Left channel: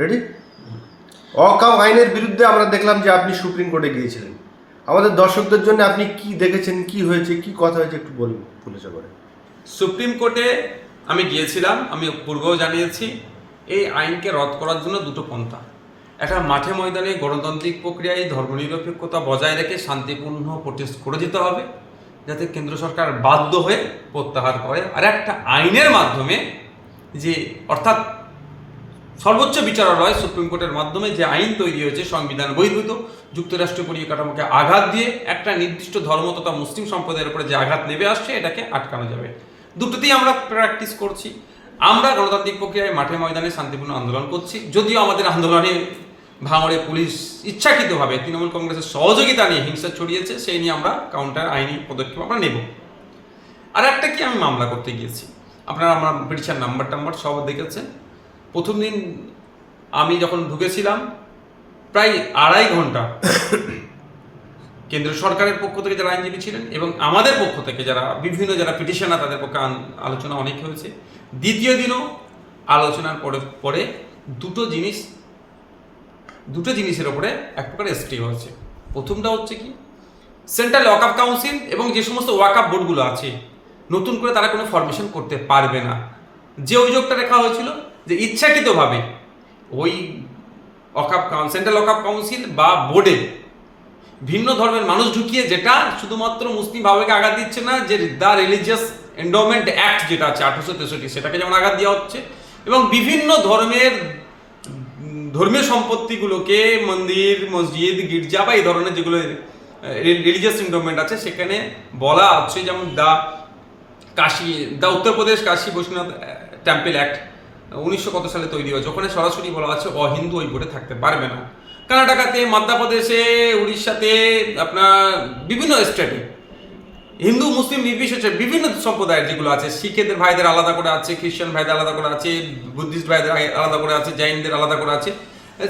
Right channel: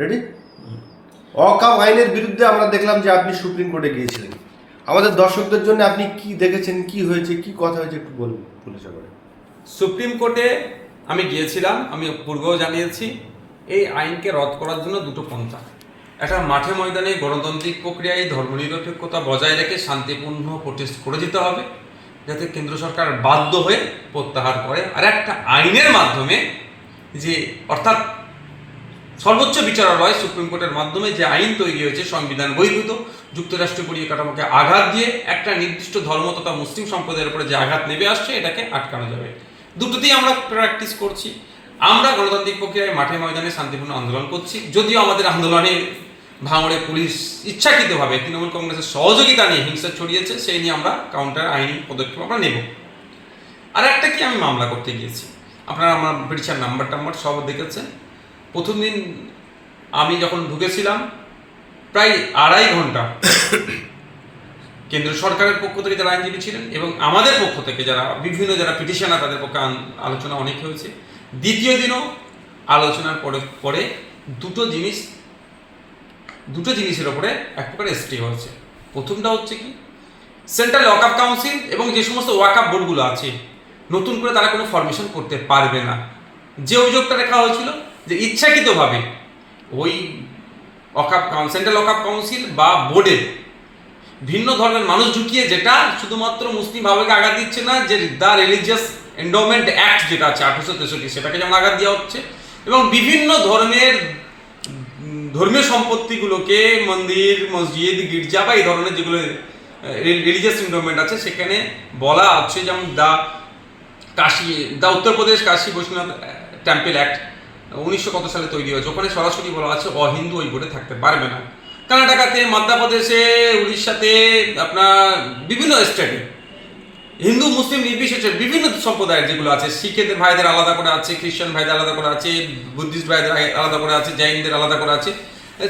Ready অকাপ আইনের বিরুদ্ধে আমরা দেখলাম যে আপনি সুপ্রিম কোর্টে গিয়েছিলেন। আমাদের দর্শকদের জন্য আপনি কি দেখেছেন, কি হয়েছে, কি কথা হয়েছে একটু বলুন খুলেছে করে সুপ্রিম কোর্টে আমি গিয়েছিলাম, আমি পূর্বেও জানিয়েছি, এই আইনকে রদ করার জন্য দুটো পন্থা। একটা মাঠে ময়দানে গণতান্ত্রিক প্রক্রিয়ায় ধর্মনিরপেক্ষতা বজায় রেখে শান্তিপূর্ণ প্রোটেস্ট করে দিতে হবে, যাতে কেন্দ্র সরকার বাধ্য হয়ে প্রত্যাহার করে। আর একটা আইনের মাধ্যমে যে, অর্থাৎ সর্বোচ্চ বিচারালয় সুপ্রিম কোর্টের মাধ্যমে যে আইন তৈরি হয়েছে, সংবিধান বহির্ভূত যুক্তরাষ্ট্রীয় পরিকাঠামোকে আঘাত দিয়ে একটা নির্দিষ্ট ধর্ম তথা মুসলিম সম্প্রদায়ের উপরে যে আঘাত নেমে আসছে, এটাকে আটকানো যাবে। দুটোতেই আমরা প্র্যাকটিস করছি। আমরা গণতান্ত্রিক প্রক্রিয়ায় মাঠে ময়দানে শান্তিপূর্ণ আন্দোলন করছি। যদিও আমাদের আন্দোলনে ভাঙড়ে পুলিশ ইচ্ছাকৃতভাবে তৃণমূল কংগ্রেসের সহযোগিতা নিয়ে হিংসা ছড়িয়েছে, সেই নিয়ে আমরা কাউন্টার আইনি পদক্ষেপ আমরা নেব। আর একটা কি আমি মামলা করতে গিয়েছি? আপনারা আমার ব্রিটিশার নাম্বার টাম্বার সব দেখেছেন। প্রথম দিন আমি যখন ঢুকেছিলাম, প্রায় আড়াই ঘণ্টা কেন্দ্র সরকারের পক্ষ থেকে যারা আইনজীবী ছিলেন এবং আমাদের পক্ষ থেকে যারা, বিভিন্ন যারা পিটিশনার তাদের পক্ষে আলোচনা অনেক হয়েছে। দ্বিতীয় দিনও আলোচনার পরে পরে দুটো জিনিস, দুটো জিনিসের ওপরে এক প্রকার এসটি হয়েছে। প্রথমটা হচ্ছে কি, সেন্ট্রাল ওয়াকআপ কাউন্সিল এবং যে সমস্ত ওয়াকআপ বোর্ডগুলো আছে, নতুন করে তারা কোনো ফরমেশন করতে পারবে না। যে অভিযোগটা রেখা হয়েছিল যে ইচ্ছাকৃতভাবে ওই ওয়াকআপ সেন্ট্রাল ওয়াকআপ কাউন্সিল বা বোর্ডে ভিন্ন ধর্মের মানুষ ঢুকিয়ে যেটা শুধুমাত্র মুসলিম ভাবেকে আঘাত দিচ্ছে না, যে দ্য রিলিজিয়াস এন্ডোমেন্ট অ্যাক্ট যেটা আছে, আঠারোশো তেষট্টি, সেটাকে যেমন আঘাত দেওয়া হচ্ছে এবং বিভিন্ন ধর্মের, ধর্মীয় সম্পত্তিগুলোকে মন্দির, মসজিদ, গির্জা বা এই ধরনের যেগুলো রিলিজিয়াস এন্ডোমেন্ট আছে, সেখানে বলা হচ্ছে যেমন দা কাশী দা উত্তরপ্রদেশ কাশী বৈষ্ণব টেম্পল অ্যাক্ট উনিশশো কত সালে তৈরি হয়েছে? ওখানে সরাসরি বলা আছে, অহিন্দু ওই বোর্ডে থাকতে পারবে না। কর্ণাটকাতে, মধ্যপ্রদেশে, উড়িষ্যাতে, আপনার বিভিন্ন স্টেটে। হিন্দু, মুসলিম, নির্বিশেষে বিভিন্ন সম্প্রদায়ের যেগুলো আছে, শিখেদের ভাইদের আলাদা করে আছে, খ্রিস্টান ভাইদের আলাদা করে আছে, বুদ্ধিস্ট ভাইদের আলাদা করে আছে, জৈনদের আলাদা করে আছে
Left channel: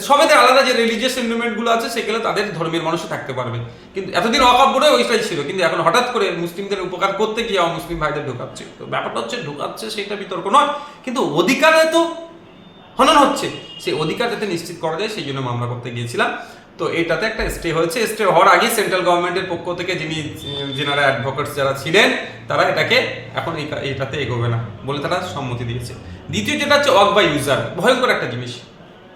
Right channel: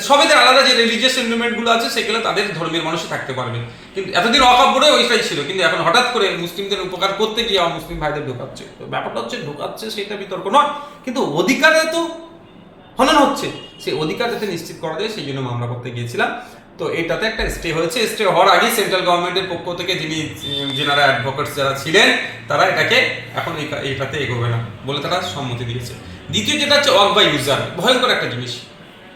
সবাইদের আলাদা যে রিলিজিয়াস সেন্টিমেন্টগুলো আছে, সেগুলো তাদের ধর্মের মানুষে থাকতে পারবে। কিন্তু এতদিন অকাব্যরে ওইটাই ছিল, কিন্তু এখন হঠাৎ করে মুসলিমদের উপকার করতে গিয়ে মুসলিম ভাইদের ঢোকাচ্ছে। তো ব্যাপারটা হচ্ছে, ঢোকাচ্ছে সেটা বিতর্ক নয়। কিন্তু অধিকারে তো হনন হচ্ছে। সেই অধিকার যাতে নিশ্চিত করা যায়, সেই জন্য মামলা করতে গিয়েছিলাম। তো এটাতে একটা স্টে হয়েছে। স্টে হওয়ার আগেই সেন্ট্রাল গভর্নমেন্টের পক্ষ থেকে যিনি, যেনারা অ্যাডভোকেটস যারা ছিলেন, তারা এটাকে এখন এটাতে এগোবে না বলে তারা সম্মতি দিয়েছে। দ্বিতীয় যেটা হচ্ছে ওয়াক বাই ইউজার ভয়ঙ্কর একটা জিনিস।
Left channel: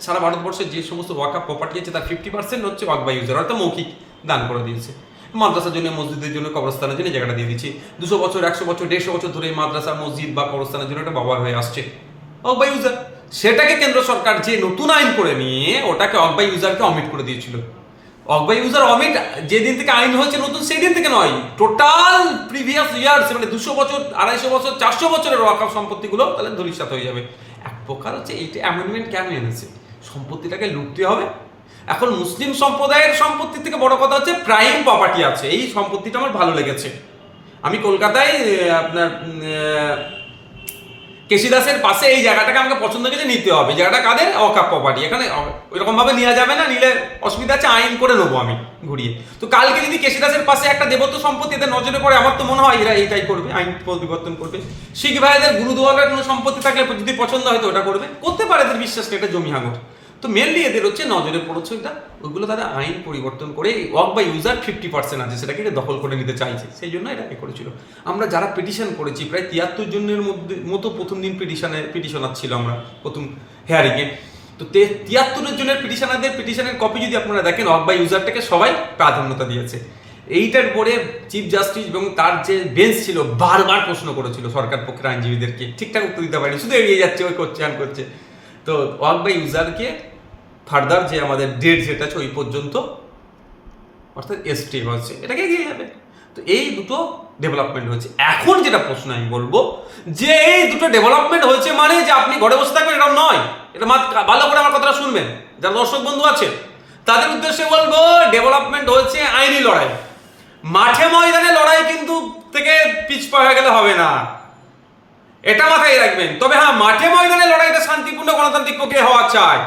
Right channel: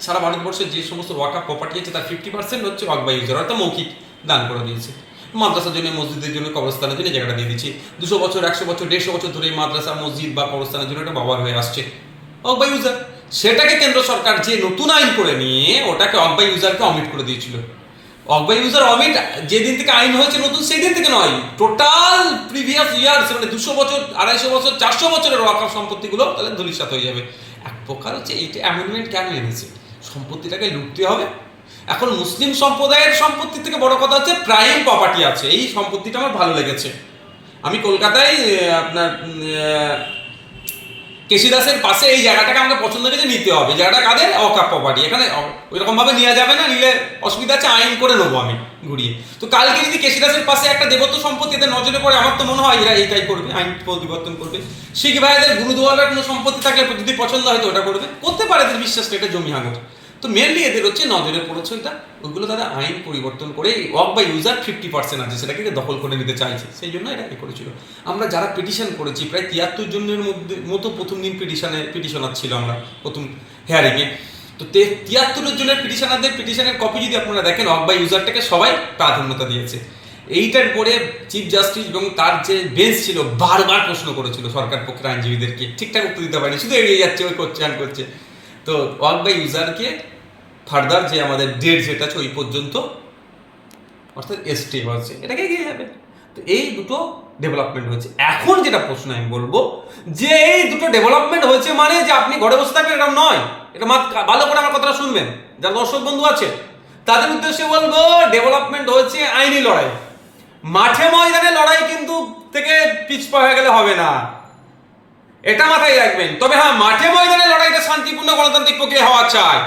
সারা ভারতবর্ষে যে সমস্ত ওয়াকা প্রপার্টি আছে, তার ফিফটি পার্সেন্ট হচ্ছে ওয়াক ইউজার অর্থাৎ মৌখিক দান করে দিয়েছে। মাদ্রাসার জন্য, মসজিদের জন্য, কবরস্থানের জন্য জায়গাটা দিয়ে দিচ্ছি দুশো বছর, একশো বছর, দেড়শো বছর ধরে মাদ্রাসা, মসজিদ বা কবরস্থানের জন্য এটা ব্যবহার হয়ে আসছে। বাই ইউজার সেটাকে কেন্দ্র সরকার যে নতুন আইন করে নিয়ে ওটাকে অক ইউজারকে অমিট করে দিয়েছিল। অক বাই ইউজার অমিট যেদিন থেকে আইন হয়েছে নতুন, সেই দিন থেকে নয়। টোটাল প্রিভিয়াস ইয়ার্স মানে দুশো বছর, আড়াইশো বছর, চারশো বছরের ওয়াকআপ সম্পত্তিগুলো তাহলে ধরিসাত হয়ে যাবে। এক প্রকার হচ্ছে, এইটা অ্যামেন্ডমেন্ট কেন এনেছে? সম্পত্তিটাকে লুটতে হবে। এখন মুসলিম সম্প্রদায়ের সম্পত্তি থেকে বড় কথা হচ্ছে প্রাইম প্রপার্টি আছে। এই সম্পত্তিটা আমার ভালো লেগেছে। আমি কলকাতায় আপনার কেশিদাসের পাশে এই জায়গাটাকে আমাকে পছন্দ করে নিতে হবে। জায়গাটা কাদের? অকাপ প্রপার্টি এখানে ওই রকমভাবে নেওয়া যাবে না, নিলে অসুবিধা আছে, আইন করে নেব আমি ঘুরিয়ে। তো কালকে যদি কেশিদাসের পাশে একটা দেবত্ব সম্পত্তি এদের নজরে পড়ে, আমার তো মনে হয় এরা এইটাই করবে, আইন পরিবর্তন করবে। শিখ ভাইদের গুরুদুয়ারের কোনো সম্পত্তি থাকলে যদি পছন্দ হয় তো ওটা করবে। করতে পারে এদের বিশ্বাস, এটা জমি হাঙর তো মেনলি এদের হচ্ছে নজরে পড়েছে এটা ওইগুলো তাদের আইন পরিবর্তন করে ওয়াক বাই ইউজার ফিফটি পার্সেন্ট আছে, সেটাকে দখল করে নিতে চাইছে। সেই জন্য এটা করেছিল। আমরা যারা পিটিশন করেছি, প্রায় তিয়াত্তর জনের মধ্যে, মতো প্রথম দিন পিটিশনে পিটিশনার ছিল আমরা, প্রথম হেয়ারিংয়ে তো তিয়াত্তর জনের পিটিশনারদের পিটিশনের কপি যদি আপনারা দেখেন ওয়াক বাই ইউজারটাকে সবাই প্রাধান্যতা দিয়েছে। এইটার পরে চিফ জাস্টিস এবং তার যে বেঞ্চ ছিল, বারবার প্রশ্ন করেছিল সরকার পক্ষের আইনজীবীদেরকে। ঠিকঠাক উত্তর দিতে পারেনি, শুধু এড়িয়ে যাচ্ছে, ওই করছে আন করছে। তো ওয়াক বাই ইউজারকে ফার্দার যে আমাদের ডেট যেটা আছে ওই পর্যন্ত, অর্থাৎ এসটি হয়েছে, এটাকে এগিয়ে যাবে। তো এই দুটো ডেভেলপমেন্ট হয়েছে। এখন যেটা প্রশ্ন আমি বলব, যে এই দুটো ডেভেলপমেন্ট হয়েছে মানে যে আপনি ঘরে বসে থাকবেন এটা নয়। এটা ভালো করে আমার কথাটা শুনবেন। যারা দর্শক বন্ধু আছে, তাদের উদ্দেশ্যে বলব ডেভেলপমেন্ট হয়েছে আইনি লড়াই। মাঠে ময়দানে লড়াই কিন্তু থেকে পিছপা হয়ে গেলে হবে না। এটা মাথায় রাখবেন। তবে হ্যাঁ মাঠে ময়দানে লড়াইটা শান্তিপূর্ণ গণতান্ত্রিক প্রক্রিয়া হওয়া চাই।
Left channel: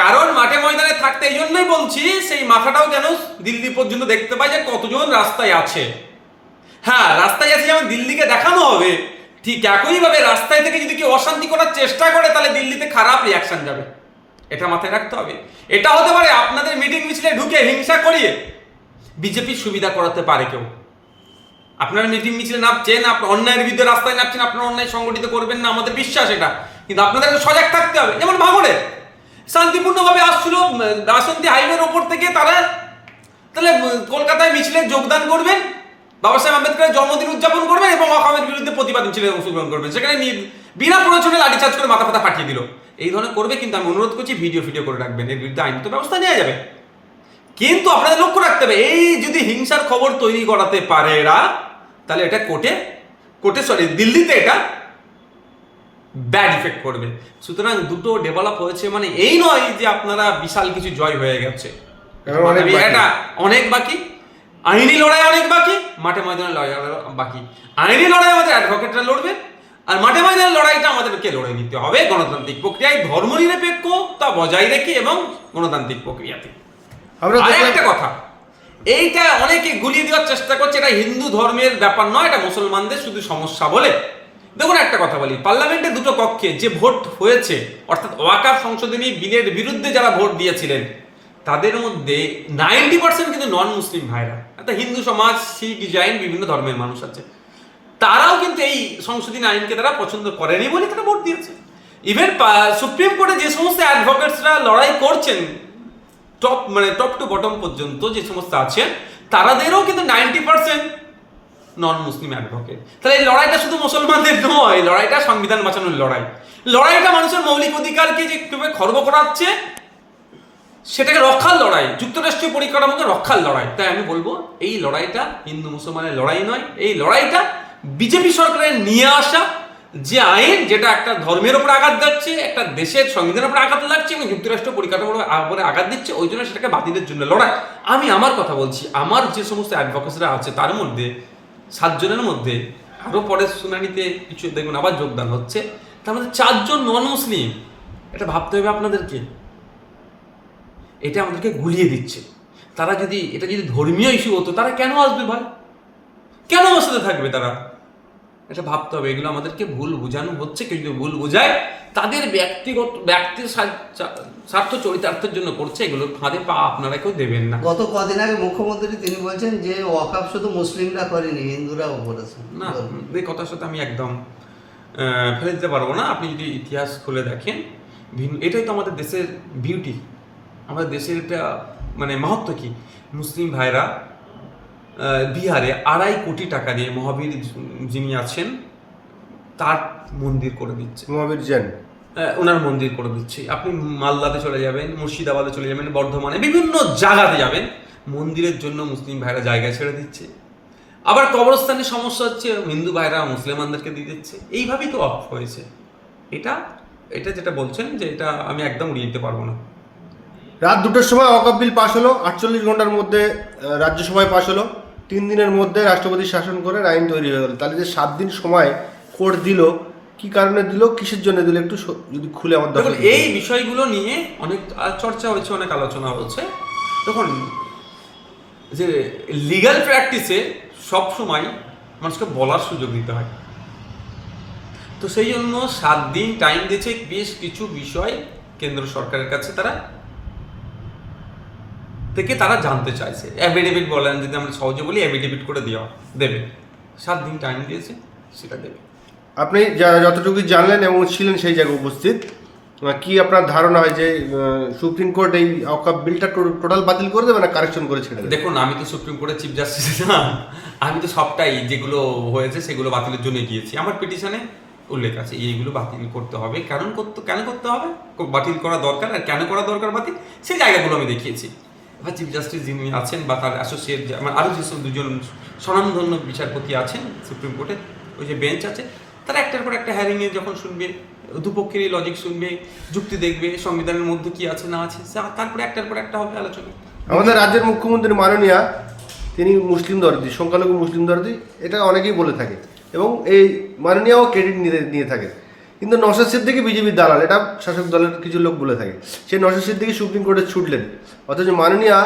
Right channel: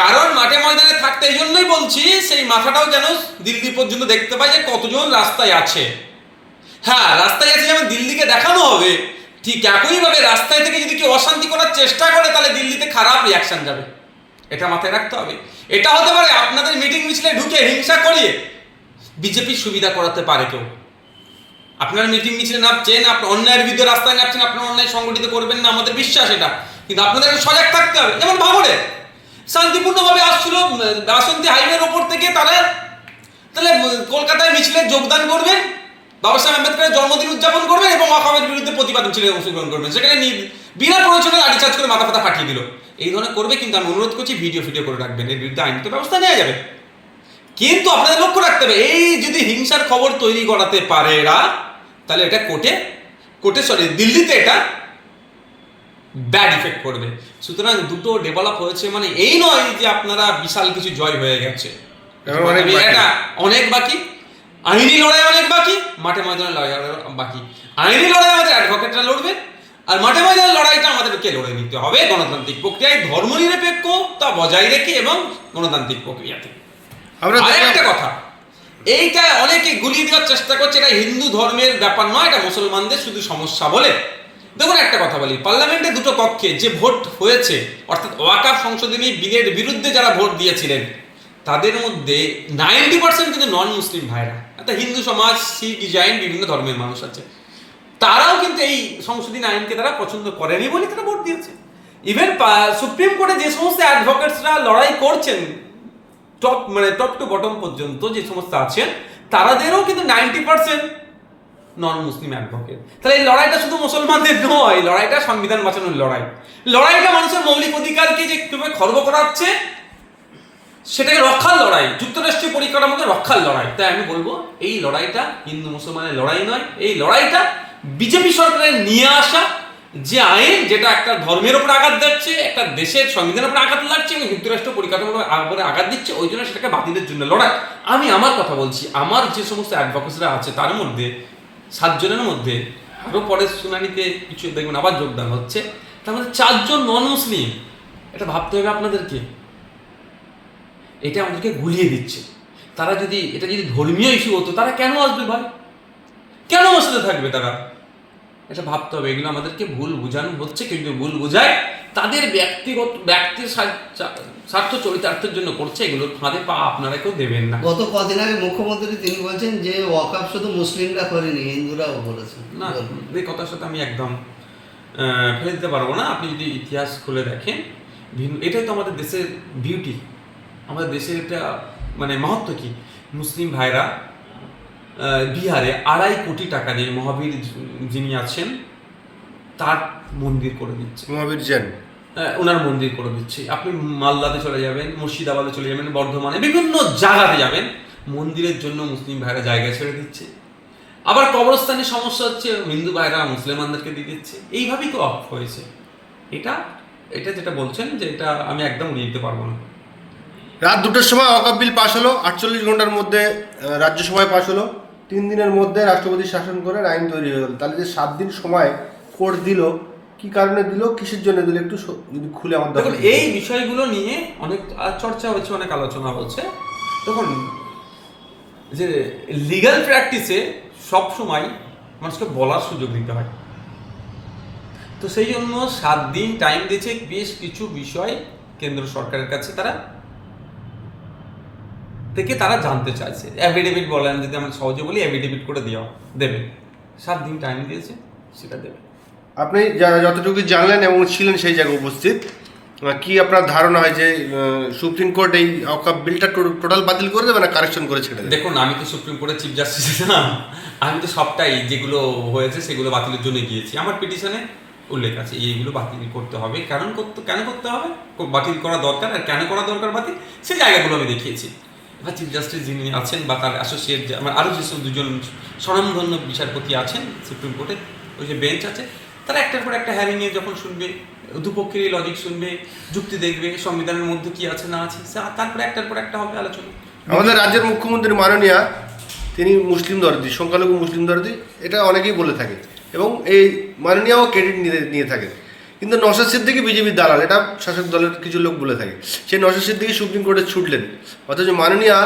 কারণ মাঠে ময়দানে থাকতে এই জন্যই বলছি, সেই মাথাটাও যেন দিল্লি পর্যন্ত দেখতে পাই যে কতজন রাস্তায় আছে। হ্যাঁ রাস্তায় আছে যেমন দিল্লিকে দেখানো হবে, ঠিক একইভাবে রাস্তায় থেকে যদি কেউ অশান্তি করার চেষ্টা করে, তাহলে দিল্লিতে খারাপ রিয়াকশন যাবে। এটা মাথায় রাখতে হবে। এটা হতে পারে আপনাদের মিটিং মিছিলে ঢুকে হিংসা করিয়ে বিজেপির সুবিধা করাতে পারে কেউ। আপনারা মিটিং মিছিলে নামছেন, আপনার অন্যায়ের বিরুদ্ধে রাস্তায় নামছেন, আপনার অন্যায় সংগঠিত করবেন না, আমাদের বিশ্বাস এটা। কিন্তু আপনাদেরকে সজাগ থাকতে হবে, যেমন ভাঙড়ে। শান্তিপূর্ণভাবে আসছিল বাসন্তী হাইওয়ের ওপর থেকে তারা তাহলে কলকাতায় মিছিলে যোগদান করবেন, বাবা সাহেব আম্বেদকরের জন্মদিন উদযাপন করবেন এবং অকামের বিরুদ্ধে প্রতিবাদ মিছিলে অংশগ্রহণ করবেন। সেখানে বিনা প্রয়োজনে লাঠিচার্জ করে মাথা ফাতা ফাটিয়ে দিল। এই ধরনের করবে কিন্তু আমি অনুরোধ করছি, ভিডিও ফিডিও করে রাখবেন, এর বিরুদ্ধে আইন তো ব্যবস্থা নেওয়া যাবে। কিন্তু আপনাদের লক্ষ্য রাখতে হবে, এই যদি হিংসার খবর তৈরি করাতে পারে এরা তাহলে এটা কোর্টে কোর্টে সরি দিল্লিতে এটা ব্যাড ইফেক্ট করবে সুতরাং দুটো ডেভেলপ হয়েছে মানে এই নয় যে আপনারা বিশাল কিছু জয় হয়ে গেছে। এটা অনেক বাকি। আইনি লড়াই অনেক বাকি মাঠে ময়দানে লড়াই বাকি। আইনি লড়াই আমাদের অ্যাডভোকেটরা লড়বে আর মাঠে ময়দানের লড়াইটা আমাদেরকে লড়ে নিতে হবে গণতান্ত্রিক প্রক্রিয়ায়। ধর্মনিরপেক্ষতা বজায় রেখে এবং গণতান্ত্রিক প্রক্রিয়াতে। আমরা একটা কথা এইটা অনেকে গুলিয়ে দেওয়ার চেষ্টা করছে, এটা হিন্দু ধর্মের ব্যাপার নয়, এটা মুসলমানদের শুধু সমস্যা বলে। দেখুন একটা কথা বলি, পার্লামেন্টে দুটো কক্ষে যে ভোট হয়েছে, অর্থাৎ ওয়াকাফ সংশোধনী বিলের বিরুদ্ধে যারা ভোট দিয়েছিলেন, তাদের মধ্যে নাইনটি পার্সেন্ট কিন্তু নন মুসলিম ভাইরা। একটা হিন্দু সমাজ শিখ জৈন বিভিন্ন ধর্মের মানুষ আছে। তারাও কিন্তু এই সংশোধনী আইনকে তারা পছন্দ করেনি বলে তারা ভোট দিয়েছে। ইভেন সুপ্রিম কোর্টে যে সমস্ত অ্যাডভোকেটসরা লড়াই করছেন টপ মানে টপ টু বটম পর্যন্ত যে সমস্ত আছেন, তারাদেরও কিন্তু ninety percent non Muslim advocate তাহলে এই লড়াইটা শুধু মুসলমানদের নয় লড়াইটা সংবিধান বাঁচানোর লড়াই। লড়াইটা মানুষের মৌলিক অধিকারকে যে কীভাবে খর্ব করাচ্ছে, সেটাকে রক্ষার লড়াই, যুক্তরাষ্ট্রীয় পরিকাঠামোকে রক্ষার লড়াই। তাই আমি বলব, এই লড়াইটা হিন্দু মুসলমানের লড়াই নয়, এই লড়াইটা বিজেপি সরকারের নিয়ে আসা যে আইন যেটা একটা ধর্মের উপর আঘাত দিচ্ছে একটা দেশের সংবিধানের উপর আঘাত লাগছে এবং যুক্তরাষ্ট্র পরিকাঠামোর আঘাত দিচ্ছে, ওই জন্য সেটাকে বাতিলের জন্য লড়াই। আমি আমার কথা বলছি, আমার যে সমস্ত অ্যাডভোকেসরা আছে, তার মধ্যে, সাতজনের মধ্যে আরও পরের শুনানিতে কিছু দেখবেন, আবার যোগদান হচ্ছে, তার মধ্যে চারজন নন মুসলিম এটা ভাবতে হবে আপনাদেরকে। এটা আমাদেরকে গুলিয়ে দিচ্ছে। তারা যদি, এটা যদি ধর্মীয় ইস্যু হতো, তারা কেন আসবে ভাই? কেন সাথে থাকবে তারা? এটা ভাবতে হবে। এগুলো আমাদেরকে ভুল বোঝানো হচ্ছে কিন্তু ভুল বোঝায় তাদের ব্যক্তিগত ব্যক্তির স্বার্থ- চরিতার্থের জন্য করছে। এগুলোর ফাঁদে পা আপনারা কেউ দেবেন না। গত কদিন আগে মুখ্যমন্ত্রী তিনি বলছেন যে ওয়াকাপ শুধু মুসলিমরা করেনি হিন্দুরাও করেছে। না এই কথার সাথে আমি একদম ফেলে দিতে পারব না। আপনি যদি ইতিহাস খুলে দেখেন ভিন্ন এটাই তো আমাদের দেশের বিউটি আমাদের দেশের এটা মানে মাহাত্ম কি? মুসলিম ভাইরা বিহারে আড়াই কোটি টাকা দিয়ে মহাবীর যিনি আছেন তার মন্দির করে দিচ্ছে। মহাবীর জৈন? ওনার মন্দির করে দিচ্ছি। আপনি মালদাতে চলে যাবেন মুর্শিদাবাদে চলে যাবেন বর্ধমানে বিভিন্ন জায়গাতে যাবেন মন্দিরের জন্য মুসলিম ভাইরা জায়গা ছেড়ে দিচ্ছে। আবার কবরস্থানের সমস্যা হচ্ছে হিন্দু ভাইরা মুসলমানদেরকে দিয়ে দিচ্ছে। এইভাবেই তো অফ হয়েছে। এটা এটা যেটা বলছেন যে এটা আমি একদম উড়িয়ে দিতে পারব না। রাত দুটোর সময় অকাপ বিল পাশ হলো আটচল্লিশ ঘণ্টার মধ্যে রাজ্যসভায় পাশ হলো। তিন দিনের মধ্যে রাষ্ট্রপতি শাসন করে আইন তৈরি হয়ে গেল। তাহলে যে সাত দিন সময় কোর্ট দিল কি কারণে দিল কিসের জন্য দিল একটু যদি খুলে আমার দেখুন এই বিষয়গুলো নিয়ে অনেক চর্চা হয়েছে অনেক আলোচনা হচ্ছে। তখন যে লিগ্যাল প্র্যাকটিসে সব সময় মানুষকে বলার সুযোগ দিতে হয়। তো সেই জন্য সাত দিন টাইম দিয়েছে বেশ কিছু বিষয় কেন্দ্র সরকারের কাছে তারা থেকে তারা জানতে চাইছে। অ্যাফিডেভিট বলেন যদি আমরা সহজে বলি অ্যাফিডেভিট করে দেওয়া দেবে। সাত দিন টাইম দিয়েছে সেটা দেবে। আপনি যতটুকু জানলেন এবং ছিলেন সেই জায়গায় উপস্থিত কি আপনার ধারণা হয় যে সুপ্রিম কোর্ট এই অকাপ বিলটা টোটাল বাতিল করে দেবে না কারেকশন করে ছেড়ে দেখুন আমি তো সুপ্রিম কোর্টের চিফ জাস্টিস না। আমি তো সবটাই যেগুলো হয়েছে সেগুলো বাতিলের জন্য গিয়েছি আমার পিটিশনে উল্লেখ আছে এইগুলো বাতিল করতে হবে। কারণ করতে কেন করতে হবে? বাতিল করা দরকার আর কেন করা দরকার বাতিল? সেই জায়গাগুলো আমি দেখিয়েছি। এবার চিফ জাস্টিস যিনি আছেন বা তার অ্যাসোসিয়েট আমার আরও যেসব দুজন স্বনামধন্য বিচারপতি আছেন সুপ্রিম কোর্টের ওই যে বেঞ্চ আছে, তারা একটার পর একটা হ্যারিংয়ে যখন শুনবে, দুপক্ষেরই লজিক শুনবে, যুক্তি দেখবে, সংবিধানের মধ্যে কি আছে না আছে তারপরে একটার পর একটা হবে আলোচনা। আমাদের রাজ্যের মুখ্যমন্ত্রী মাননীয়া, তিনি মুসলিম দরদি, সংখ্যালঘু মুসলিম দরদি, এটা অনেকেই বলে থাকে। এবং এই মাননীয়াও ক্রেডিট নিয়ে নিয়ে থাকে। কিন্তু নশাদ সিদ্দিকি বিজেপির দালাল, এটা শাসক দলের কিছু লোক বলে থাকে। সেই নশাদ সিদ্দিকি সুপ্রিম কোর্টে ছুটলেন। অথচ মাননীয়া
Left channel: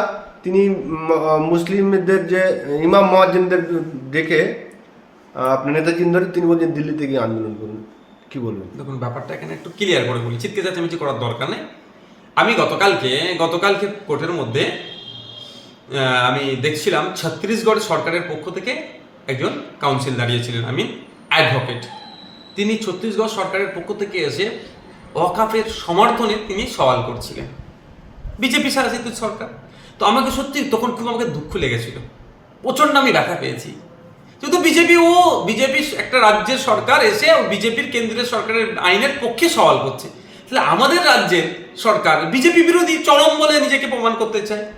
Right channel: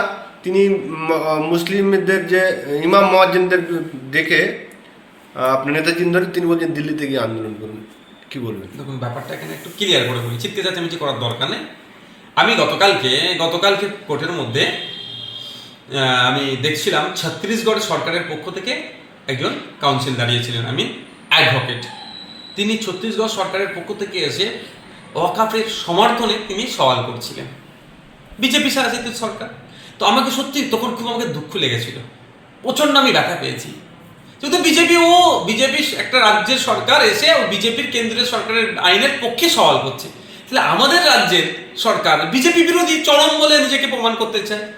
তিনি মুসলিমদের যে ইমাম মহাজিনদের দেখে আপনি নেতাজি ধরে তিনি বলছেন, দিল্লিতে গিয়ে আন্দোলন করুন। কি বলবেন? দেখুন, ব্যাপারটা এখানে একটু ক্লিয়ার করে বলি। চিৎকে চেঁচামেচি করার দরকার নেই। আমি গতকালকে গতকালকে কোর্টের মধ্যে আমি দেখছিলাম, ছত্তিশগড় সরকারের পক্ষ থেকে একজন কাউন্সিল দাঁড়িয়েছিলেন আমি অ্যাডভোকেট তিনি ছত্তিশগড় সরকারের পক্ষ থেকে এসে ওয়াকাফের সমর্থনে তিনি সওয়াল করছিলেন। বিজেপি শাসিত সরকার। তো আমাকে সত্যি তখন খুব আমাকে দুঃখ লেগেছিল। প্রচণ্ড আমি ব্যথা পেয়েছি। কিন্তু বিজেপি ও বিজেপি একটা রাজ্যের সরকার এসে ও বিজেপির কেন্দ্রীয় সরকারের আইনের পক্ষে সওয়াল করছে। তাহলে আমাদের রাজ্যের সরকার বিজেপি বিরোধী চরম বলে নিজেকে প্রমাণ করতে চায়।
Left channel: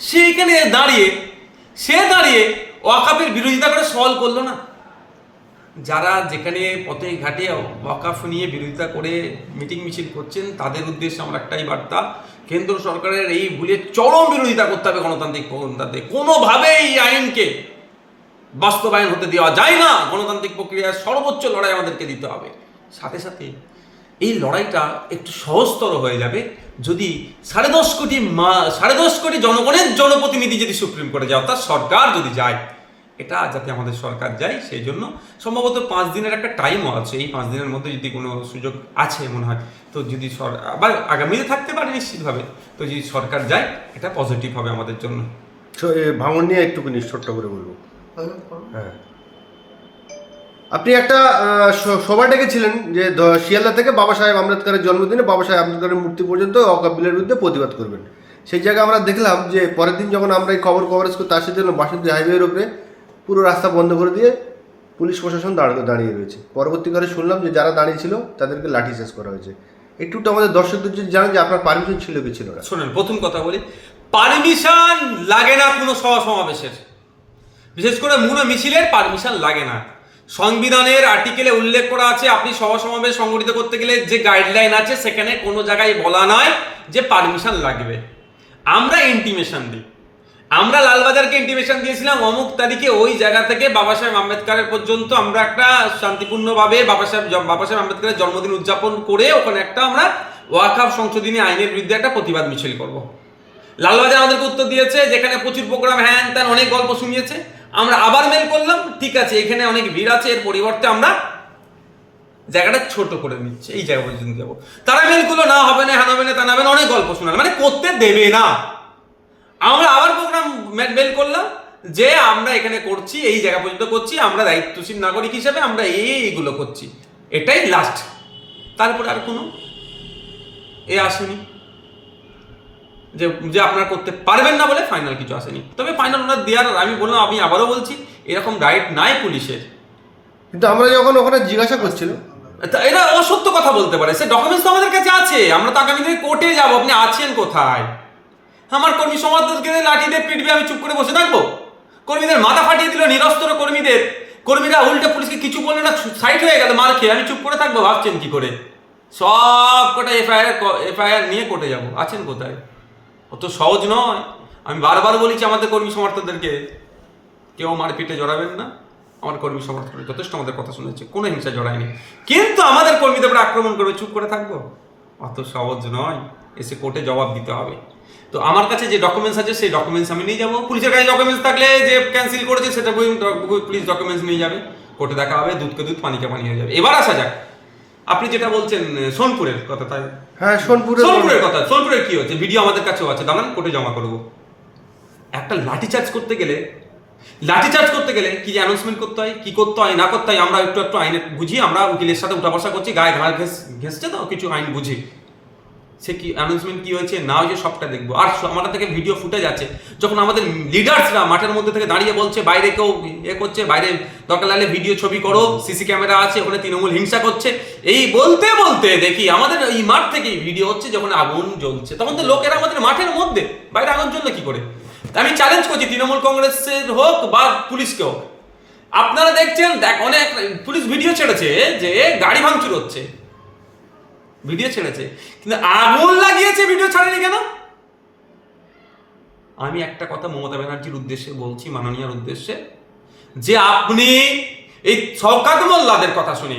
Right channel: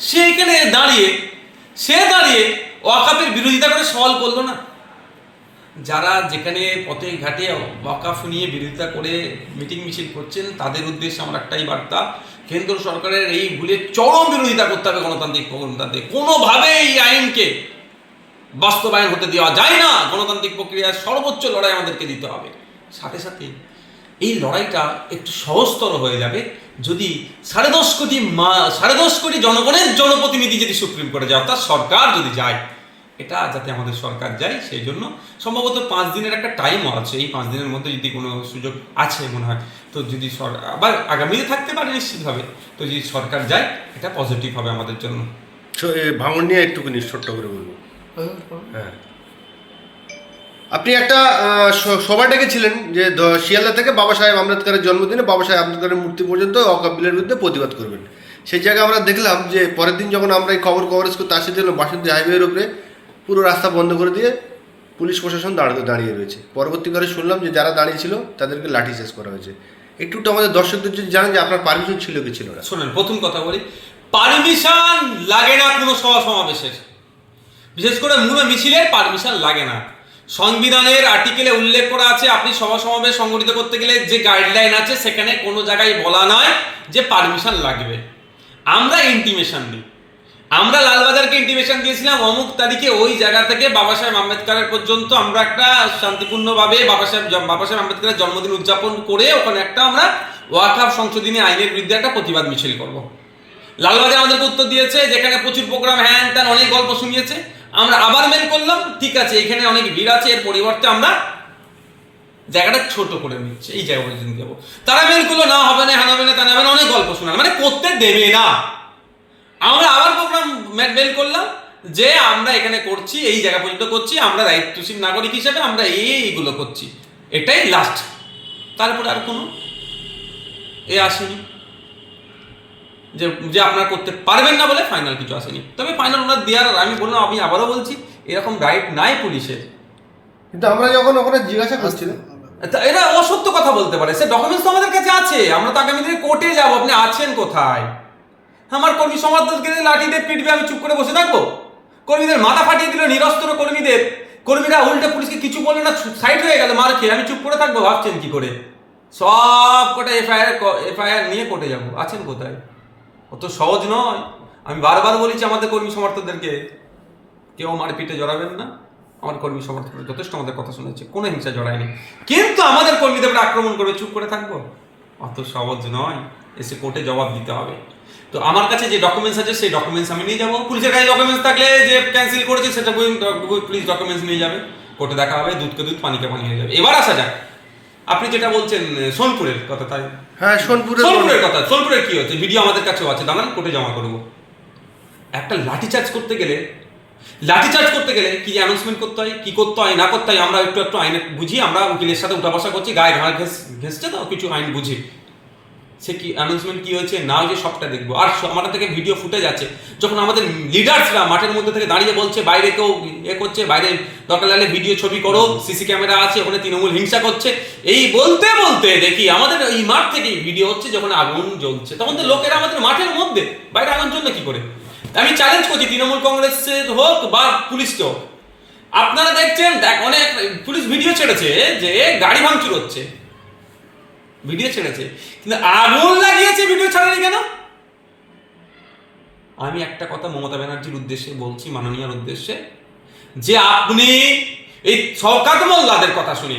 সে এখানে দাঁড়িয়ে, সে দাঁড়িয়ে ওয়াকাফের বিরোধিতা করে সওয়াল করল না। যারা যেখানে পথে ঘাটে ওয়াকাফ নিয়ে বিরোধিতা করে মিটিং মিছিল করছেন, তাদের উদ্দেশ্যে আমার একটাই বার্তা, কেন্দ্র সরকারের এই ভুলে চরম বিরোধিতা করতে হবে গণতান্ত্রিক গণতান্ত্রিক। কোনোভাবে এই আইনকে বাস্তবায়ন হতে দেওয়া যায় না। গণতান্ত্রিক প্রক্রিয়ার সর্বোচ্চ লড়াই আমাদেরকে দিতে হবে। সাথে সাথে এই লড়াইটা একটু সহজতর হয়ে যাবে যদি সাড়ে দশ কোটি মা- সাড়ে দশ কোটি জনগণের জনপ্রতিনিধি যদি সুপ্রিম কোর্টে যায় অর্থাৎ সরকার যদি যায় এটা যাতে আমাদের সরকার যায়, সেই জন্য সম্ভবত পাঁচ দিনের একটা টাইমও আছে। এই পাঁচ দিনের মধ্যে যদি কোনো সুযোগ আছে মনে হয়, তো যদি সর আবার আগামীতে থাকতে পারে নিশ্চিতভাবে। তো যদি সরকার যায়, এটা পজিটিভ হবে আমাদের জন্য। ভাঙন নিয়ে একটুখানি ছোট্ট করে বলব। হ্যাঁ। আপনি একটা সভা ডেকেছিলেন যে শিয়ালদা থেকে বাবা সাহেব আম্বেদকরের জন্মদিনে বাবা সাহেব আম্বেদকরের মূর্তি পর্যন্ত অকাপ বিলের বিরুদ্ধে প্রতিবাদ করবেন। সেই জায়গায় আমরা দেখলাম যে পরের দিন যখন আমরা এই খবর কভারেজ করতে আসি জন্য বাসন্তী হাইওয়ের উপরে পুরো রাস্তা বন্ধ করে দিয়ে পুলিশ প্রশাসন দাঁড়িয়ে দাঁড়িয়ে রয়েছে। পরবর্তীকালে শুনলাম যে যারা দাঁড়িয়ে ছিল তাদেরকে লাঠি চার্জ করা হয়েছে। একটু আমাদের দর্শকদের যদি জানেন যে আপনার পারমিশন ছিল কি ছিল না। শোনেন, প্রথম কথা বলি পারমিশন লাগে না কোনো সভা সমাবেশের। বিশেষ করে মূল মিছিলের পারমিশন লাগে না। সংবিধানের আর্টিকেলে উল্লেখ করা আছে, আপনি সভা সমাবেশ সংগঠিত করতে গেলে যে গাইডলাইন আছে, সেখানে কোনো জায়গায় বলা নয় যে পারমিশন লাগবে। আমরা ইন্টিমেশন দিই। আমরা লালবাজারকে ইন্টিমেশন দিয়েছিলাম, অমুক তারিখে ওই জায়গা থেকে বাবা সাহেব আম্বেদকরের পর্যন্ত আমরা একটা শান্তিপূর্ণভাবে বাবা সাহেব বাবা সাহেব আম্বেদকরের জন্মদিন উদযাপন করে ওখানে একটা আমরা ওয়াকাফ সংশোধনী আইনের বিরুদ্ধে একটা প্রতিবাদ মিছিল করব। লালবাজার আমাদেরকে উত্তর দিয়েছে যেখানে প্রচুর প্রোগ্রাম হ্যান ত্যান অনেক গল্প শুনিয়েছে। আমরা আবার মেল করলাম, ঠিক আছে, এখানে অনেক ভিড় আছে, এর পরিবর্তে আমরা জায়গাটা ছোট করে নিচ্ছে, এই জায়গা পর্যন্ত যাব। তারা মেল করল, না, হবে না, হ্যান হবে না তা না হবে না, অনেক গল্প শোনাল। মানে করতে দেবে না। আমরা আবার প্রোগ্রাম মেল করলাম যে আমরা এখানে করছি এই জায়গা পর্যন্ত করছি আমরা দায়িত্বশীল নাগরিক হিসেবে আমরা এই এইগুলো করছি। এটাই লাস্ট তারপরে আর কোনো এ আসেনি। যে যে আপনারা করতে পারবেন না বলে ফাইনাল কিছু আসেনি। তবে ফাইনাল ওনার দেওয়ার আমি বললাম আমি আবারও বলছি এরকম রাইট নাই পুলিশের। কিন্তু আমরা যখন ওখানে জিজ্ঞাসা করছিলাম। তা এরা অসত্য কথা বলতে পারে। সে ডকুমেন্টস তো আমাদের কাছে আছে। আমরা তো আগামী দিনে কোর্টে যাব। আপনি আছেন কোথায়? আমার কর্মী সমাজকে লাঠি দিয়ে পিটবে, আমি চুপ করে বসে থাকব? কর্মীদের মাথা ফাটিয়ে দিল নিরস্ত্র কর্মীদের। কর্মীরা উল্টে পুলিশকে কিছু বলল না, সাইড হয়ে গেল মার খেয়ে। আমি চুপ করে থাকব, ভাবছেন কি করে? সব কটা এফআইআর এফআইআর নিয়ে কোর্টে যাব। আছেন কোথায়? অত সহজ নয়। আমি বারবার বলেছি আমাদের কর্মী সমর্থকদেরকে, কেউ মারপিটে জড়াবেন না। আমার কর্মী সমর্থকরা যথেষ্ট আমাদের কথা শুনেছে, কোনো হিংসা জড়ায়নি। কিন্তু আমাদের কর্মীদের আক্রমণ করবে, চুপ করে থাকব? অত সহজ নয়। এসে কোর্টে জবাব দিতে হবে। তো আমার কাছে যে ডকুমেন্টস আছে সেই ডকুমেন্টস আমি নিয়ে যাব। পুলিশের কাছে ডকুমেন্টস থাকলে যে ক্যান্সেল করেছে সেটা পুলিশ ডকুমেন্টস নিয়ে যাবে। কোর্টে দেখা হবে দুধকে দুধ পানিকে পানি হয়ে যাবে। এবার আসা যাক। আপনি যেটা বলছেন সোনপুরের কথা তাই? হ্যাঁ সোনপুরে সোনপুরের কথা সোনপুরের কি হচ্ছে? ভিডিও আমাদের কাছেও আছে। দাঁড়ান কোর্টে জমা করব। একটা লাঠি চার্জ করতে গেলে লাঠি চার্জ করতে গেলে কি অ্যানাউন্সমেন্ট করতে হয় কি করতে হয় না করতে হয় আমরা একটু একটু আইনে বুঝি আমরা উকিলের সাথে উঠা বসা করছি গায়ে ঘাড় ঘেস ঘেসছে তো কিছু আইন বুঝি। সে কি অ্যানাউন্সমেন্ট কি হয়েছে? না হয়েছে সবটা দেখব। আর আমাদের থেকে ভিডিও ফুটে যাচ্ছে যখন আমাদের লিডার্সরা মাঠের মধ্যে থেকে দাঁড়িয়ে বলছে, বাইরে কেউ এ করছে, বাইরে দরকার লাগলে ভিডিও ছবি করো সিসি ক্যামেরা আছে, ওখানে তৃণমূল হিংসা করছে। এই বলতে বলতে দেখি আমাদের এই মাঠ থেকেই ভিডিও হচ্ছে যখন আগুন জ্বলছে। তখন তো লোকেরা আমাদের মাঠের মধ্যে, বাইরে আগুন জ্বললে কি করে? আমি চ্যালেঞ্জ করছি, তৃণমূল কংগ্রেসের হোক বা পুলিশকে হোক। আপনারা দেখছেন, দেখ, অনেক পুলিশ ভিডিও ছেড়েছে যে গাড়ি ভাঙচুর হচ্ছে। ভিডিও ছেড়েছে। কিন্তু আগুন লাগিয়েছে, ভিডিও ছাড়েনি কেন? আমি একটা কথা মমতা ব্যানার্জির উদ্দেশ্যে বলছি, মাননীয়ার উদ্দেশ্যে। যে আপনি এই শওকাত মোল্লাদের কথা শুনে,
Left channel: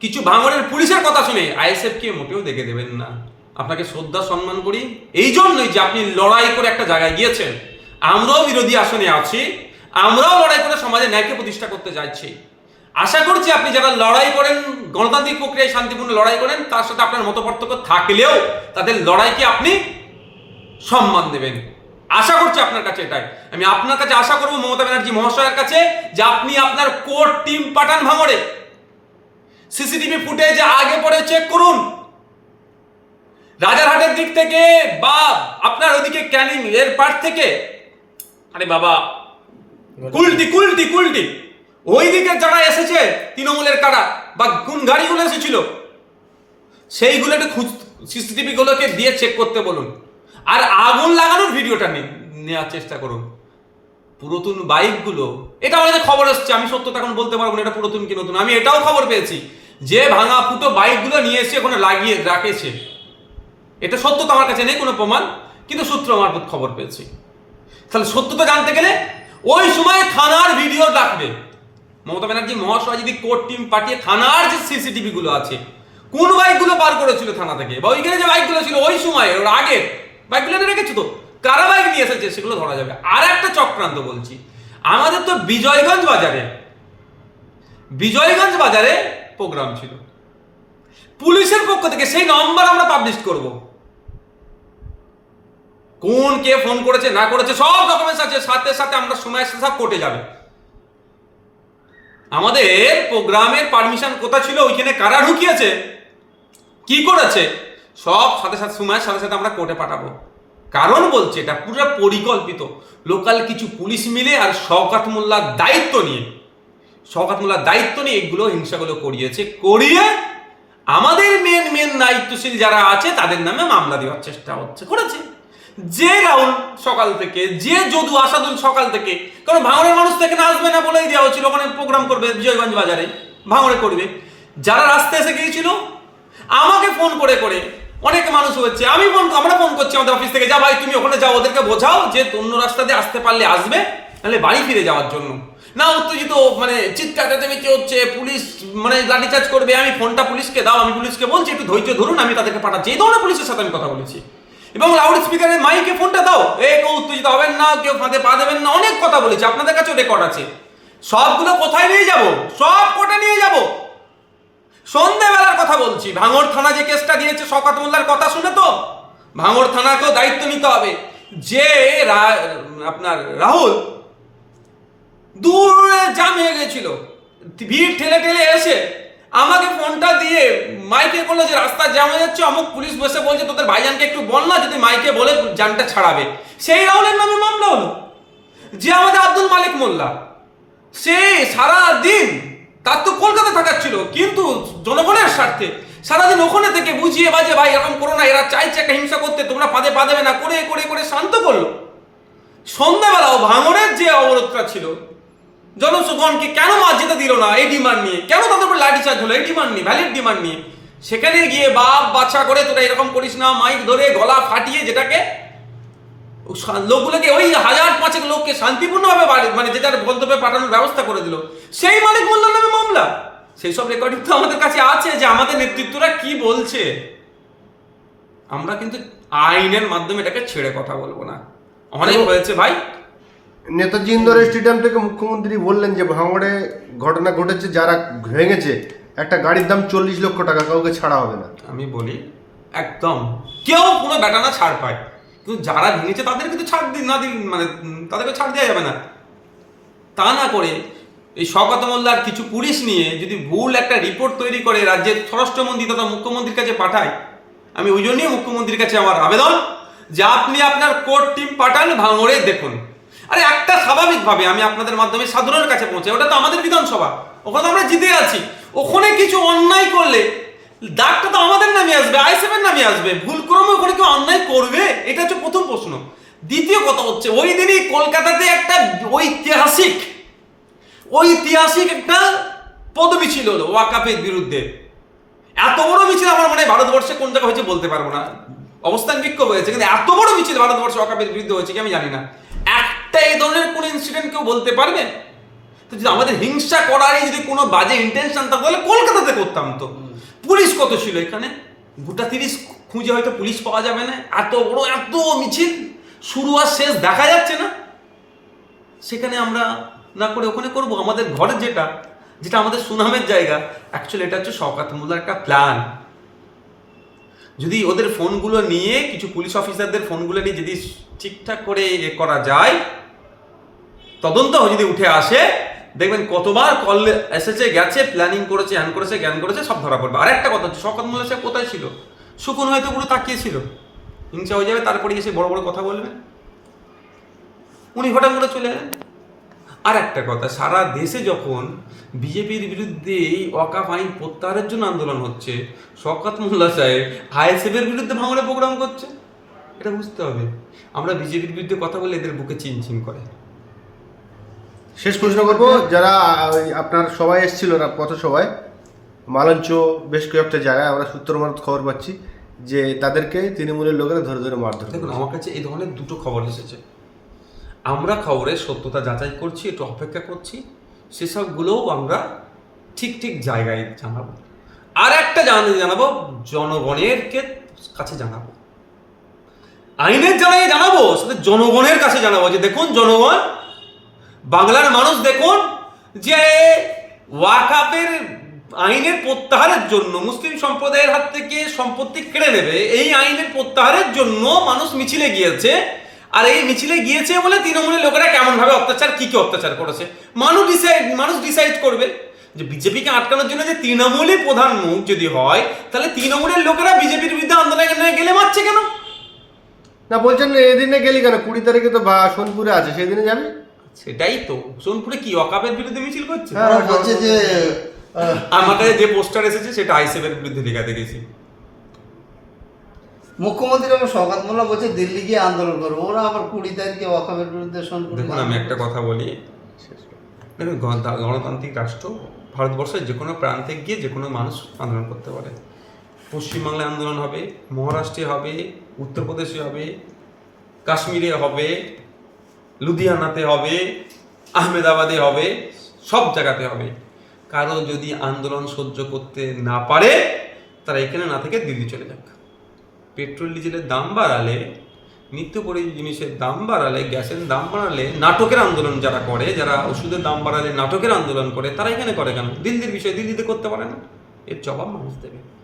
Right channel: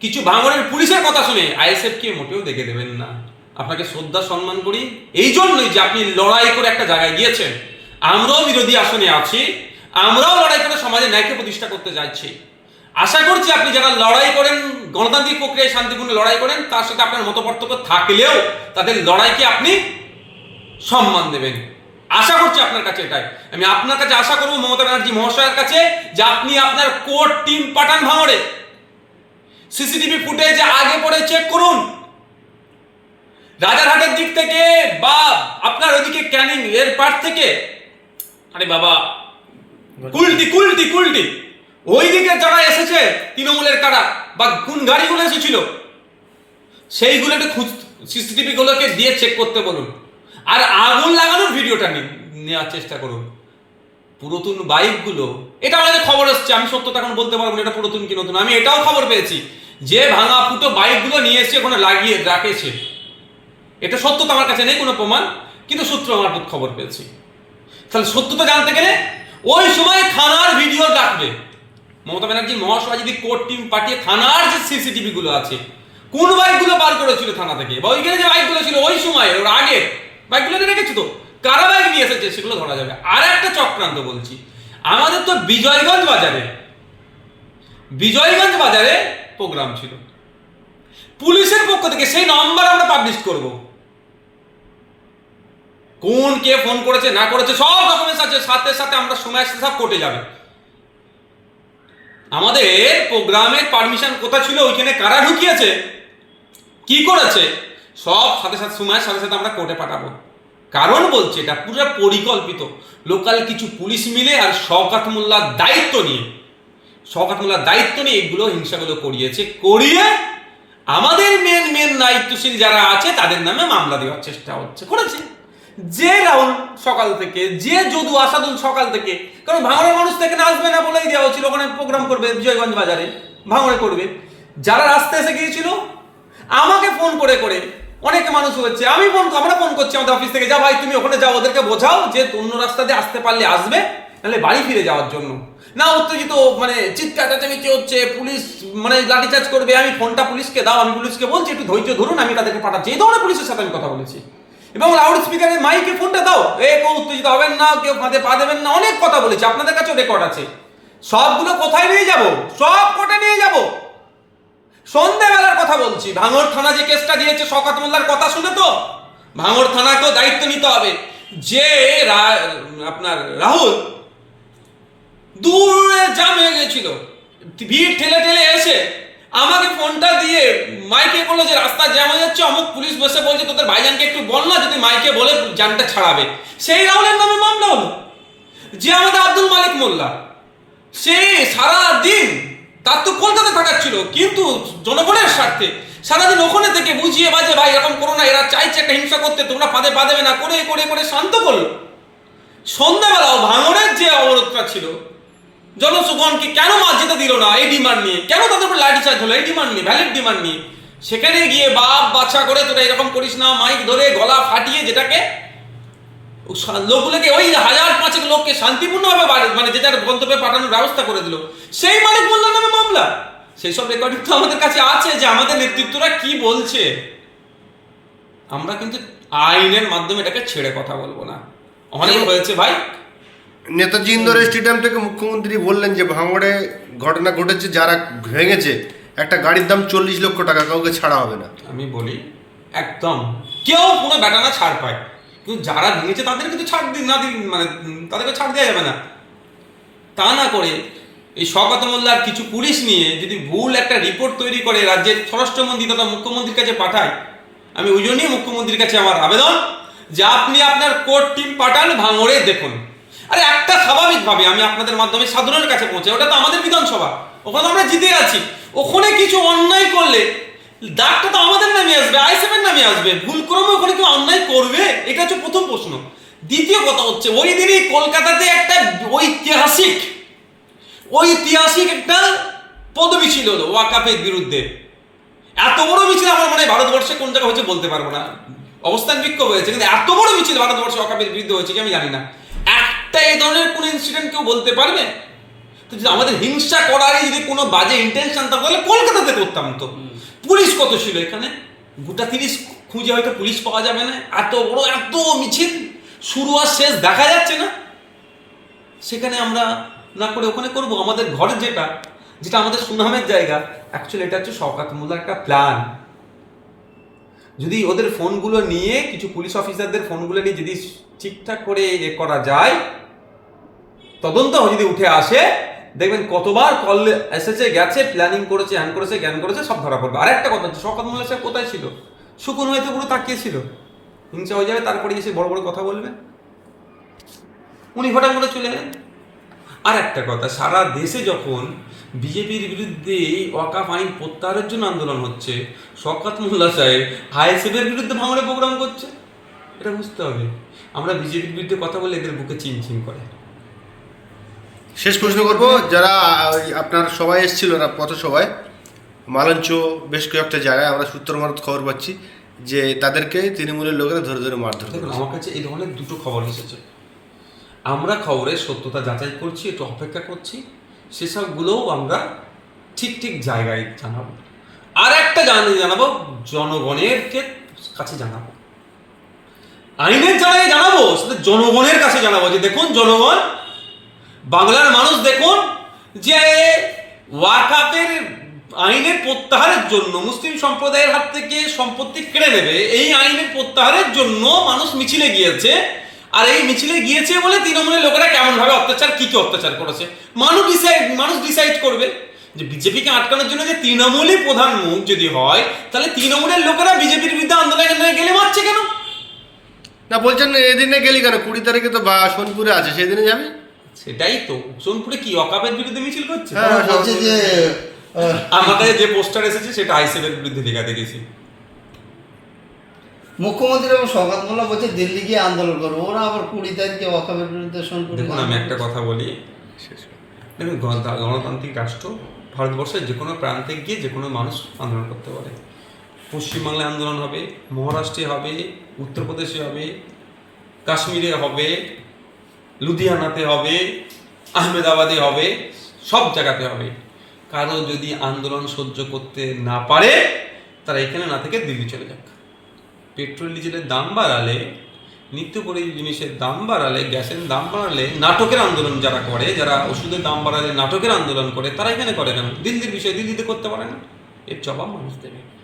কিছু ভাঙড়ের পুলিশের কথা শুনে আইএসএফ কে মোটেও দেখে দেবেন না। আপনাকে শ্রদ্ধা, সম্মান করি। এই জন্যই যে আপনি লড়াই করে একটা জায়গায় গিয়েছেন, আমরাও বিরোধী আসনে আছি, আমরাও লড়াই করে সমাজে ন্যায়কে প্রতিষ্ঠা করতে যাচ্ছি। আশা করছি আপনি যারা লড়াই করেন, গণতান্ত্রিক প্রক্রিয়ায় শান্তিপূর্ণ লড়াই করেন, তার সাথে আপনার মত পার্থক্য থাকলেও তাদের লড়াইকে আপনি সম্মান দেবেন। আশা করছি আপনার কাছে এটাই। আমি আপনার কাছে আশা করব মমতা ব্যানার্জি মহাশয়ের কাছে যে আপনি আপনার কোর টিম পাঠান ভাঙড়ে। সিসিটিভি ফুটেজ আগে পরে চেক করুন। রাজারহাটের দিক থেকে বা আপনার ওইদিকে ক্যানিং এর পার থেকে। আরে বাবা, কুলটি কুলটি কুলটি। ওইদিকে যারা এসেছে তৃণমূলের কারা বা কোন গাড়িগুলো এসেছিল? সেইগুলো একটু খুঁজ সিসিটিভি গুলোকে দিয়ে চেক করতে বলুন। আর আগুন লাগানোর ভিডিওটা নেওয়ার চেষ্টা করুন। পুরাতন বাইকগুলো এটা আমাদের খবর আসছে আমি সত্যতা এখন বলতে পারব না এটা পুরাতন কি নতুন। আমি এটাও খবর পেয়েছি যে ভাঙা ফুটো বাইকগুলো নিয়ে এসে ওখানে লাগিয়ে রাখেছে। এটা সত্যতা আমার কাছে নেই, কোনো প্রমাণ, কিন্তু সূত্র মারফত খবর পেয়েছি। তাহলে সত্যতা জানতে গেলে ওই সময় থানার ভিডিও ডাকবে মমতা ব্যানার্জি মহাশয় যদি কোর্ট টিম পাঠিয়ে থানার যে সিসিটিভি গুলো আছে, কোন বাইকগুলো বার করেছিল থানা থেকে? বা ওইখানে যে বাইকগুলো ছিল, ওই সময় ওর আগে বাইকগুলো রেখেছো তো? কারা বাইক নিয়ে এসেছে সেগুলো ধরা যাবে। আর একটা চক্রান্ত বলছি। আমাদের তো বিজয়গঞ্জ বাজারে বিজয়গঞ্জ বাজারে প্রোগ্রাম ছিল। পুলিশের পক্ষ থেকে সেই নম্বর আমরা পাবলিশ করব। কোন কে ফোন করেছে, না করেছে, সব ডকুমেন্টস আছে। সাথে সাথে আমরা সময় সাথে সব কোর্টে যাবে। আমাদের প্রোগ্রামের পারমিশন কোথায় ছিল? ওইখানে কারা ঢুকিয়েছে? কি করেছে? সব সাথে সাথে সময়ের সাথে সাথে আমরা কোর্টে পাঠাবো। কারণ বলছে, এটা পুরো পরিকল্পিত। লোকাল কিছু পুলিশ মিলে আর শওকাত মোল্লার দায়িত্ব নিয়ে, শওকাত মোল্লার দায়িত্ব নিয়ে এগুলো হিংসাগুলো করিয়েছে, করিয়ে আমাদের মেন মেন দায়িত্বশীল যারা আছে, তাদের নামে মামলা দেওয়ার চেষ্টা হচ্ছে, করেছে। যে রাহুল সকাল থেকে, যে যদু আসাদুল সকাল থেকে, কারণ ভাঙড়ের মানুষ থেকে আসবে না বলেই দেওয়া হচ্ছিল ওখানে প্রোগ্রাম করবে বিজয়গঞ্জ বাজারে ভাঙড়ে করবে। যারা রাস্তায় এসে গিয়েছিল, আমাকে ফোন করে করে অনেক মানুষ হচ্ছে আমি ফোন আমরা ফোন করছি আমাদের অফিস থেকে, যা ভাই, তুমি ওখানে যাও, ওদেরকে বোঝাও যে অন্য রাস্তা দিয়ে আসতে পারলে আসবে, নাহলে বাড়ি ফিরে যাওয়ার জন্য। না, উত্তেজিত মানে চিৎকার চেঁচামেচি হচ্ছে, পুলিশ মানে লাঠিচার্জ করবে, আমি ফোনটা পুলিশকে দাও, আমি পুলিশকে বলছি, একটু ধৈর্য ধরুন, আমি তাদেরকে পাঠাচ্ছি। এই ধরনের পুলিশের সাথে আমি কথা বলেছি। এবং লাউড স্পিকারের মাইকে ফোনটা দাও। এ, কেউ উত্তেজিত হবেন না, কেউ ফাঁদে পা দেবেন না, অনেক কথা বলেছি, আপনাদের কাছেও রেকর্ড আছে। সবগুলো কোথায় নিয়ে যাব? সব কোর্টে নিয়ে যাব। সন্ধ্যাবেলার কথা বলছি, ভাঙড় থানা যে কেসটা দিয়েছে শকাত মোল্লার কথা শুনে তো? ভাঙড় থানাকেও দায়িত্ব নিতে হবে। যে আপনার রাহুল, দূরে জাম হয়ে গেছিল। ভিড় ঠেলে ঠেলে এসে আমাকে ফোনটা দিয়ে মাইকে বলল যে, রাস্তা জ্যাম হয়ে যাচ্ছে, অমুক পুলিশ বসে বলছে, তোদের ভাইজানকে একটু বল না যদি মাইকে বলে যানটা ছাড়াবে। সেই রাহুলের নামে মামলা হলো, যে আমাদের আব্দুল মালিক মোল্লা। সে সারা দিন তার তো কলকাতা থাকার ছিল, কিন্তু জনগণের স্বার্থে সারাদিন ওখানে থেকে বুঝিয়ে বাজে, ভাই, এরকম করো না, এরা চাইছে একটা হিংসা করতে, তোমরা পাদে পা দেবে না। করে করে করে শান্ত করল। সন্ধ্যাবেলাও ভাঙনের যে অবরোধটা ছিল জনসুগণকে কেন যেতে দিল না? এই ডিমান্ড নিয়ে। কেন তাদের উপর লাঠি চার্জ হলো? এই ডিমান্ড নিয়ে ভ্যালিড ডিমান্ড নিয়ে। সেখানে গিয়ে বাপ বাচ্চা করে তোরা এরকম করিস না মাইক ধরে গলা ফাটিয়ে যেটাকে লোকগুলোকে ওই হাজার পাঁচেক লোককে শান্তিপূর্ণভাবে বাড়ি- মানে যেটার গন্তব্যে পাঠানোর ব্যবস্থা করে দিল। সেই মালিক মোল্লার নামে মামলা। সেই সব রেকর্ডিং তো আমাদের কাছে আছে যে আমাদের নেতৃত্বরা কি বলছে। আমরা কিন্তু আইনের মাধ্যমে এটাকে ছেড়ে কথা বলব না। অনেক হয়েছে ভাই নেতাজি ইন্দোর স্টেডিয়াম থেকে মুখ্যমন্ত্রী বললেন যে ভাঙড়ে ঘটনা ঘটেছে, যারা ভেঙেছে, একটা গাড়ির দাম চল্লিশ লক্ষ টাকা, কাউকে ছাড়া হবে না। আমি বলি, একদম। কেউ কোনো বেটানা ছাড় পায়। কিন্তু যারা ভেঙেছে তাদের কিন্তু ছাড় দিন না দিন মানে তাদেরকে ছাড় দেওয়া যাবে না। তা না করে এই শওকত মোল্লার কিছু পুলিশ নিয়ে যদি ভুল একটা রিপোর্ট তৈরি করে রাজ্যের স্বরাষ্ট্রমন্ত্রী তথা মুখ্যমন্ত্রীর কাছে পাঠায়, আমি ওই জন্যই মুখ্যমন্ত্রীর কাছে আমার আবেদন যে আপনি আপনার কোর্ট টিম পাঠান ভাঙড়ে, দেখুন। আরে একটা স্বাভাবিকভাবে আমি আপনাদের মাধ্যমে সাধারণের কাছে পৌঁছে, ওটা তো আমাদের বিধানসভা। ওখানে আমরা জিতে আছি। ওখানে কিছু অন্যায় করলে দাগটা তো আমাদের নামে আসবে আইসেফের নামে আসবে। ভুল ক্রমে ওখানে কেউ অন্যায় করবে? এটা হচ্ছে প্রথম প্রশ্ন। দ্বিতীয় কথা হচ্ছে, ওই দিনই কলকাতাতে একটা ঐতিহাসিক ঐতিহাসিক একটা পদমিছিল হলো ওয়াকাফের বিরুদ্ধে। এত বড় মিছিল আমার মনে হয় ভারতবর্ষে কোন জায়গায় হয়েছে বলতে পারব না। অবস্থান বিক্ষোভ হয়েছে, কিন্তু এত বড় মিছিল ভারতবর্ষে ওয়াকাফের বিরুদ্ধে হয়েছে কি আমি জানি না। একটা এই ধরনের কোন ইনসিডেন্ট কেউ বলতে পারবে? তো যদি আমাদের হিংসা করারই যদি কোনো বাজে ইন্টেনশন থাকতো তাহলে কলকাতাতে করতাম তো। পুলিশ কত ছিল এখানে? গোটা তিরিশ খুঁজে হয়তো পুলিশ পাওয়া যাবে না। এত বড়, এত মিছিল। শুরু আর শেষ দেখা যাচ্ছে না। সেখানে আমরা না করে ওখানে করব। আমাদের ঘরের যেটা যেটা আমাদের সুনামের জায়গা অ্যাকচুয়ালি এটা হচ্ছে শওকাত মোল্লার একটা প্ল্যান যদি ওদের ফোনগুলো নিয়ে কিছু পুলিশ অফিসারদের ফোনগুলো নিয়ে যদি ঠিকঠাক করে এ করা যায় তদন্ত যদি উঠে আসে, দেখবেন কতবার কল এসেছে, গেছে প্ল্যানিং করেছে হ্যান করেছে, জ্ঞান করেছে, সব ধরা পড়বে। আর একটা কথা হচ্ছে, শওকাত মোল্লা সাহেব কোথায় ছিল? শুকুন হয়তো পুরো তাকিয়েছিল হিংসা হয়ে যাবে তারপরে এসে বড় বড় কথা বলবে। উনি হঠাৎ করে চলে এলেন। আর একটা কথা, সারা দেশে যখন বিজেপির বিরুদ্ধে এই ওয়াকাফ আইন প্রত্যাহারের জন্য আন্দোলন হচ্ছে, শওকত মোল্লা সাহেব আইএসএফের বিরুদ্ধে ভাঙড়ে প্রোগ্রাম করছে। এটা বুঝতে হবে। আমরা বিজেপির বিরুদ্ধে কথা বলে এদের বুকে চিনচিন করে। শেষ প্রশ্ন করব যারা আপনার সবাই এসেছিল না পথ সবাই মালঞ্চ বেশ কয়েকটা জায়গায় আমরা সূত্র মারত খবর পাচ্ছি যে তাদেরকে তৃণমূলের লোকেরা ধরে ধরে মারধর দেখুন আমার কাছে এই ধরনের দুটো খবর এসেছে। আমরা খবরের সত্যতা যাচাই করছি একটু অপেক্ষা করছি সেসবগুলোও আমরা ঠিক ঠিক জায়গায় জানাব। আর একটা জানা জানাব জনগণেরকে কাছে জানাব। আইনের জায়গায় জানাব সেটা জনগণের কাছে জানাব যে দেখুন জনগণ বাংলার মানুষ দেখুন যে ওয়াকাপের আইনের প্রত্যাহারের জন্য, মুসলিম সম্প্রদায়ের হাত থেকে সম্পত্তি কেড়ে নেবে, এই আইনের প্রত্যাহারের জন্য মানুষ মিছিলে গিয়েছে। আর এই মিছিলে গিয়েছে বলে তৃণমূলের লোকেরা কেমন ভাবে অত্যাচার, কি কি অত্যাচার করেছে? মানুষ ডিসাইড মানুষ ডিসাইড করবে। যে বিজেপিকে আটকানোর জন্য যে তৃণমূলই প্রধান মুখ যদি হয়, তাহলে তৃণমূলের লোকেরা বিজেপির বিরুদ্ধে আন্দোলনে গেলে মারছে কেন? না, বলছেন এদিনে গেলি কেন? কুড়ি তারিখে তো বা সোনপুরে আছে সেই দিনে যাবি? সেটাই তো। সোনপুরে কি অকাপের বিরুদ্ধে মিছিল করছে? হ্যাঁ, বলছে যে আমার কাছে যে পোস্টার এসেছে সেটা আইসেফের বিরুদ্ধে লেখা দেখেছি। মুখ্যমন্ত্রী এবং শওকত মোল্লা বলছে দিল্লি গিয়ে আন্দোলন করব। ওরা আবার কুড়ি তারিখে ওয়াকাফের বিরুদ্ধে দেখুন আমি একটা কথা বলি। দেখুন গণতান্ত্রিক রাষ্ট্র ভারতবর্ষের যে কোনো প্রান্তে গিয়ে যে কোনো মানুষ আন্দোলন করতে পারে। পশ্চিমবাংলায় আন্দোলন হবে মহারাষ্ট্রে হবে উত্তরপ্রদেশে হবে কাশ্মীরে হবে লুধিয়ানাতে হবে, আহমেদাবাদে হবে, সব জায়গাতে হবে। কারও যদি আন্দোলন সহ্য করতে না পারে, তারা এখানে না থেকে দিল্লি চলে যাক। পেট্রোল, ডিজেলের দাম বাড়ালে, নিত্য জিনিসের দাম বাড়ালে, গ্যাসের দাম বাড়ালে, নাটকের আন্দোলন যারা করে, যারা ওষুধের দাম বাড়ালে, নাটকের আন্দোলন করে, তারা এখানে করে কেন? দিল্লির বিষয় দিল্লিতে করতে পারে না। এর জবাব মানুষ দেবে।